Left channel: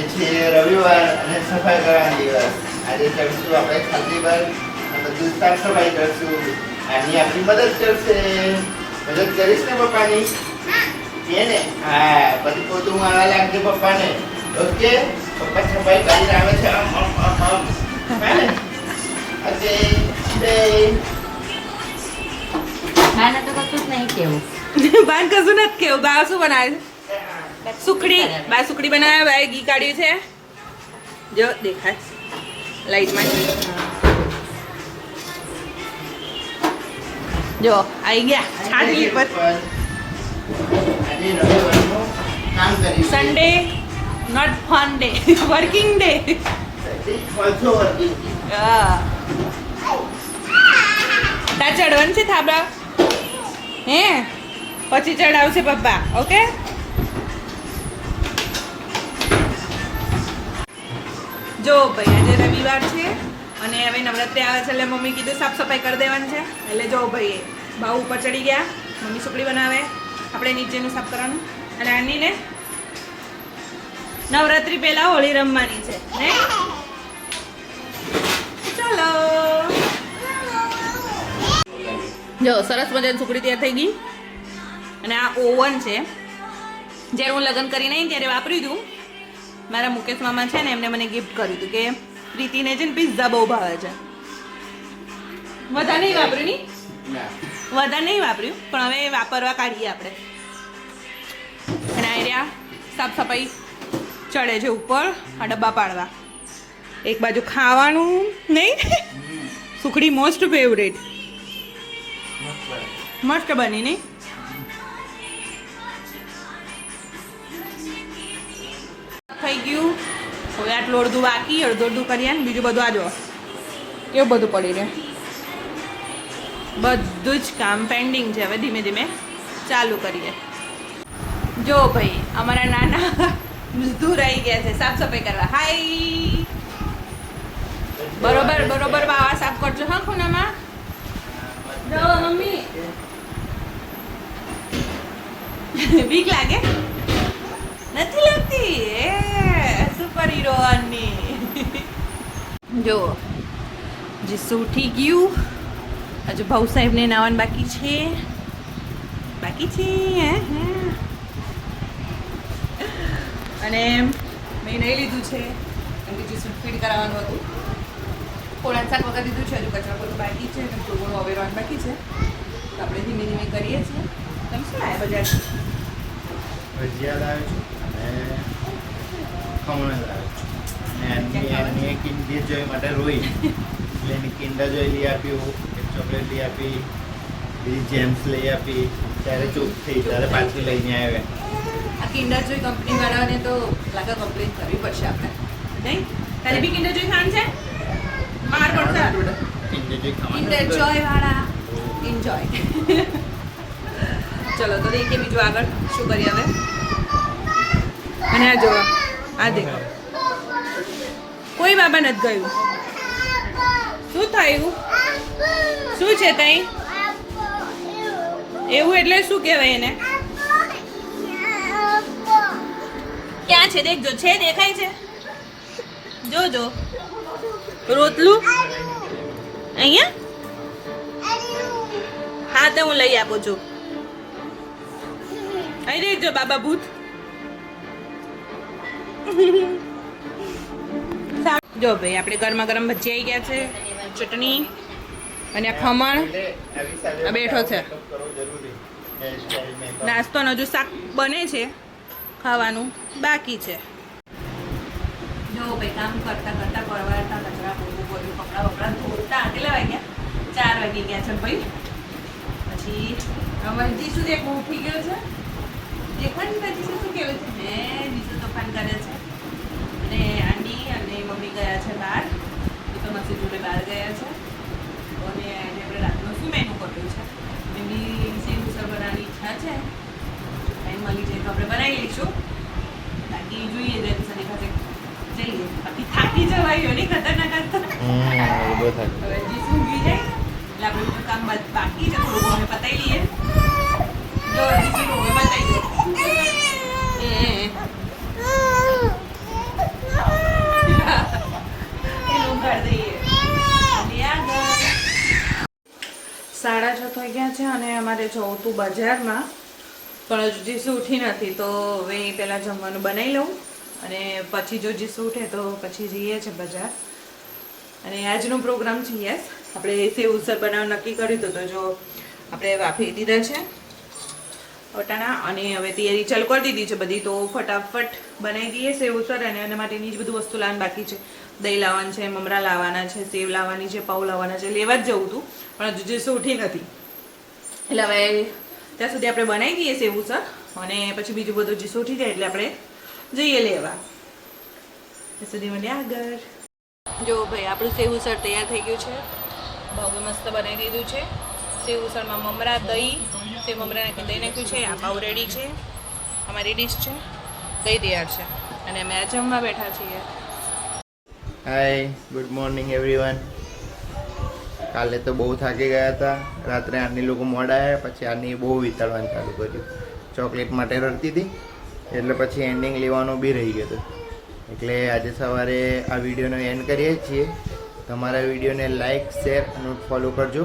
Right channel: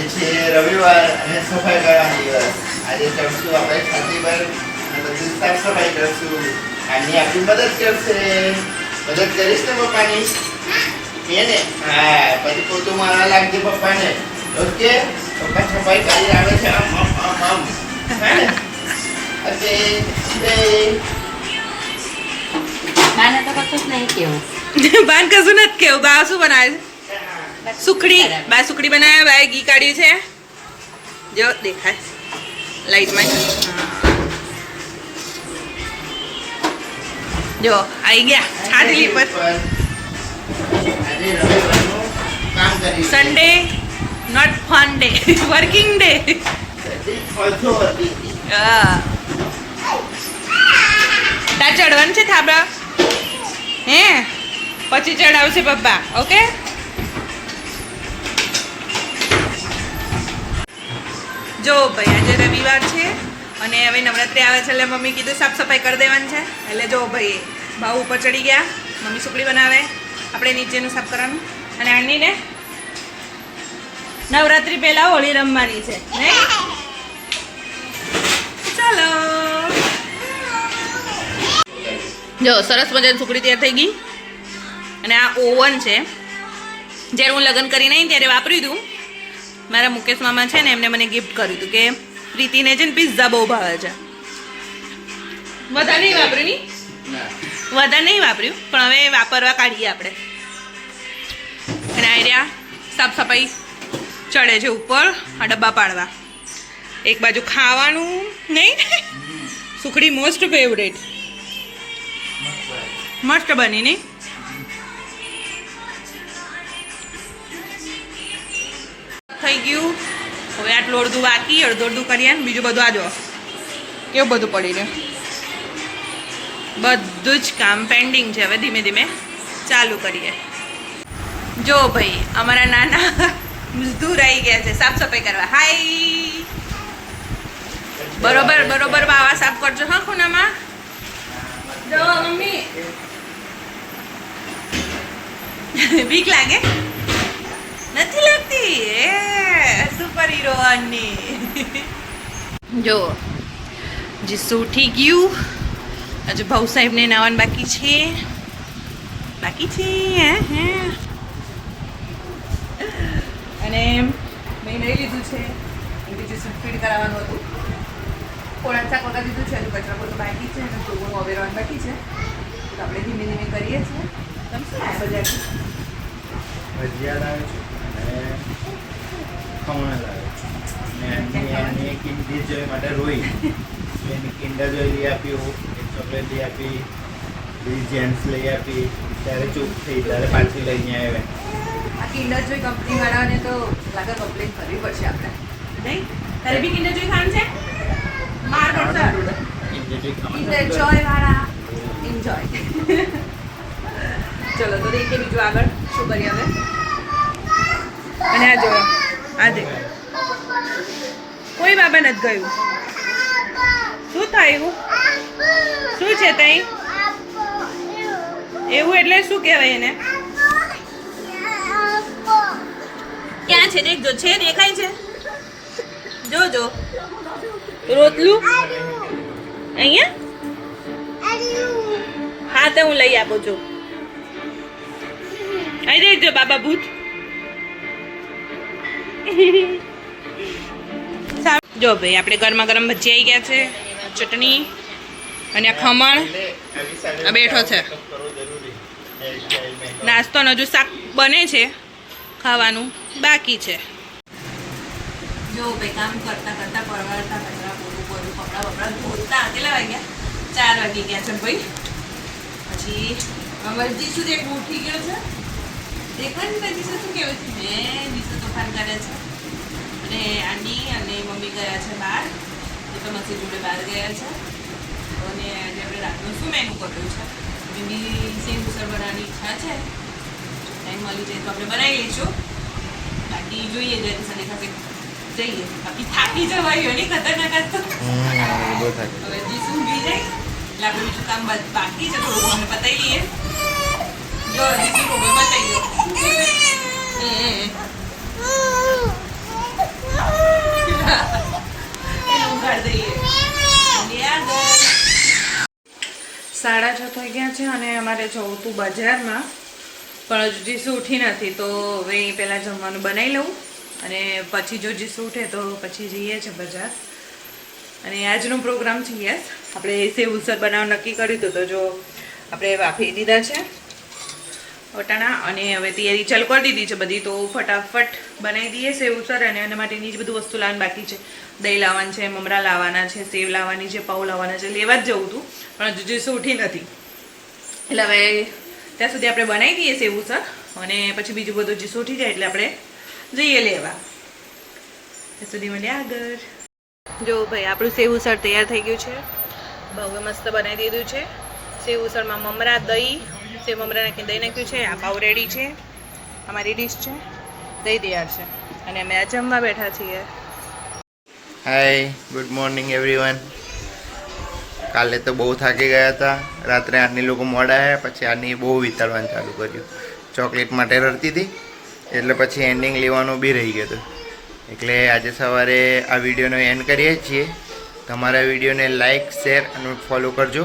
આજે છે રવિવાર અને સફાઈ કરવાનો દિવસ. આજે કરશું આપણે ખાતી પર અને બધું સાફ સફાઈ કરશું. આની આપણી મદદ કરશે. મદદ કરીશ ને પપ્પાની? એને ને? હા પછી પોતું મારા લાગજે પપ્પાને. ઓકે? પપ્પા સફાઈ કરી આવે છે. આમ આમ આમ આમ. હા ઓકે બે બાને તો કશું જ નહીં કેવું. બાન કશું નથી કેવું. બા શું બનાવે છે? સુખડી. બા સુખડી બનાવ્યા બાએ ઘી કાઢ્યું છે. જો દેખાય. લાઈટમાં જો આવી ગયા. આટલી પર. Sunday not fun day working day તા ચડવાનું છે થાબડા હે? પછી ચડાવશે પપ્પા. ઓકે જો ભાઈ, આજે રવિવાર છે અને હવે નવરાત્રી આવે છે એટલે મમ્મી કીધું સાફ સફાઈ કરી દેવાની છે. એટલે જો ભાઈ ભાવ ઉપર ચડી ગયા. મમ્મી સુકડી બનાવે. આપણે નીચેનું સાફ કરવાનું. અને આનીને નવરાત્રી પહેલાં હોળી રમવાની છે ચાલો. જો, સરસ મજાની સુકડી તૈયાર થઈ ગઈ. અને આ ઓવન છે. જ્યારે હું લગ્ન કરીને નહીં ત્યારે વાપર્યું હતું મારા મુકેશ મામા છે ને એમને મને ગિફ્ટ કર્યું હતું કે પ્રીતિને છે ને પિઝા બહુ ભાવે છે. વધારે નહીં વાપર્યું નહીં વધારે નહીં વાપર્યું પણ હવે વાપરવા કાઢીએ આપણે. અને આયર્યા સાફ સફાઈ ચડે છે ઉપર આ ડબ્બા પાડવા. એક બાજુ ખાવાનું નહીં સુખડી મોસ્ટ ફેવરેટ મસ્ત બની નહીં? થઈ ગયું. હવે આટલું અડધું બાકી, અડધું અડધું કરીએ ને બીજું બધું આજો કેવું બધું પડી રહે બધું જ કામ પેન્ડિંગ છે હવે ધીમે ધીમે. ચાલુ કરીએ. જો ભાઈ, અમારા નાના મજદૂર આવી ગયા છે, સાફ સફાઈ કરવા. હાય બરોબર બરોબર, બાવા સાફ કરજો, હા, ખૂણામાં? જો, મમ્મી. બીક લાગે નથી લાગતી એ સુપર જો જીસુ ઉઠી ગયું? હજુ ભાઉ સાહેબને નાવાનું બાકી છે. બાકી છે, હે અને મેં નહીં લીધું છે, કેમ કે જીસુ ફીડ કરાવવાનું હતું. થોડા શાક વગર દીધું છે, હજુ કચરા પડતો બાકી છે, અને થોડું અવેરવાનું બાકી છે. તો આપણે ધીમે ધીમે કરીએ છીએ. તમે શું આવ્યા બજાર ભજીયા લાવ્યો છું. ખમણ કિંડી જોઈ માટે રોઈ. એટલે એની જોઈ લઈ આપ્યું એક ચોકલેટ લઈ આપી બીજી જેમ્સ લઈ આપી. ત્યારે ચૂપ થઈ ત્યારે પાછી લઈને આવ્યા આ કિન્ડર જોઈ કંપની વાળાને તો લાગે કમ્પ્લેન કરવી પડશે આપણે. નહીં? તારે બી કિન્ડર જોઈ ખાવાનું છે? માર પડશે કિંડી જોઈ ખાવાનું કિન્ડર જોય વાળા. એન્જોય ચલો તો દેખીએ બીજું આગળ. શું કરીએ હવે? આ જોવા. આ દેખો. કોઈ બાબા નથી ગયું. શું થયું શું છે તઈ? એવું એટલે શું કહેવાય એને? ક્યાં છે? દેખજો છે, દેખાય છે? જોજો રોતલું અહીંયા? હા, તો હું લઈ આપું છું. અહીં દેખજો બાબા ભૂત. જો ભાઈ, આપણે ગરમા ગરમ ભજી આવી ગયા છે, ચટણી અને આ ખમણ. આ બેઠો છે. નાસ્તો હજુ શાક બને છે, ખાવાનું બાકી છે. જો ભાઈ, કામ કરતા કરતા પરવારતા કચરા પોતું પોતું કપડા બપડા ધોતા કેટલા વાગ્યા? ચાર વાગી ગયા છે ભાઈ. પછી અમારે શું દેખ ઉઠી ગયો છે. દેખાય ને જીસુ શું કહેવું છે મેં બીજું તોફાન કરે છે. અને આંટી અને મમ્મી ગયા છે બહાર. એ તો મસી જોડે બહાર ગયા છે. અને આજે આપણે રાતનું શું મેનુ કર્યું છે? મેં સેમ ઉસર બનાવવાની ઈચ્છા છે. ટાઈમ મળી જાય તો આપણે બનાવી લઈશું. બાકી જોઈએ જયારે સને સાથે જઈએ. બાકી થાકી જવાય નહીં ખતરનાક જ તો. હવે જીસુ ઊંઘી જાય. એટલે આપણે બીજું કામ બા- બાકી છે થોડું અમે પતાવી લઈએ. જો જીસુ બતાવી દો. સાડા છ થઈ ગયા છે અને અમારે જવું તું બજારમાં. પણ હજુ જીસુ ઉઠી નથી, તો હવે પહેલાં જમવાનું બનાવી લઉં. અને પછી જો જીસુ ઉઠે, તો પછી જઈએ છે બજાર. અને આજનો પ્રોગ્રામ છે યસ. આપણે સેવ ઉસર બનાવવાનું નક્કી કર્યું હતું, તો જો આપણે વાફી દીધા છે. વટાણા અને હવે તૈયારી ચાલુ કરી દીધી છે બધી, તો ફટાફટ બનાવી દઈએ સેવ સર અને એના માટેની જ બધું વસ્તુ લાવવાની બાકી છે. દહીં લાવવાનું છે, મમરા લાવવાના છે, સેવ લાવવાની છે, પાઉં લાવવાના છે, લેવા જ જવું હતું પણ હજુ જીસુ ઉઠી નથી. એટલે હવે ત્યાં સુધી આપણે બનાવી દઈએ સેવ ઉસળ અને પછી બીજું બધું જીસુ ઉઠી જાય એટલે આપણે જઈએ લેવા. ત્યાં સુધી મળીએ આગળ. જો ભાઈ, આપણું સેવ ઉસળ તૈયાર થઈ ગયું છે. બહુ મસ્ત બનાવી દીધું છે. સેવ ઉસળમાં મમરા, દહીં સેવ મમરા નાખીને દહીં નાખ્યું છે, આ પાવ રેડી છે, અમારી ડીશ છે, દહીં તૈયાર છે, અને અમે જમવા બેઠા છીએ. હાય ગુડ મોર્નિંગ એવરીવન કાલે તો બહુ થાકી ગયા હતા. રાત્રે આની લોકો મોડા આવ્યા, પછી આની બહુ વિતાડવાનું ચાલુ કર્યું. ચોકલેટ માટે રડતી હતી, એટલે પછી એન્ડિંગ લેવાનું બી રહી ગયું હતું. એટલે આજે સવારે આ વિડીયોનો એન્ડ કરીએ છીએ. તમારા વિડીયોને લાઇક શેર અને ફોલો કરજો.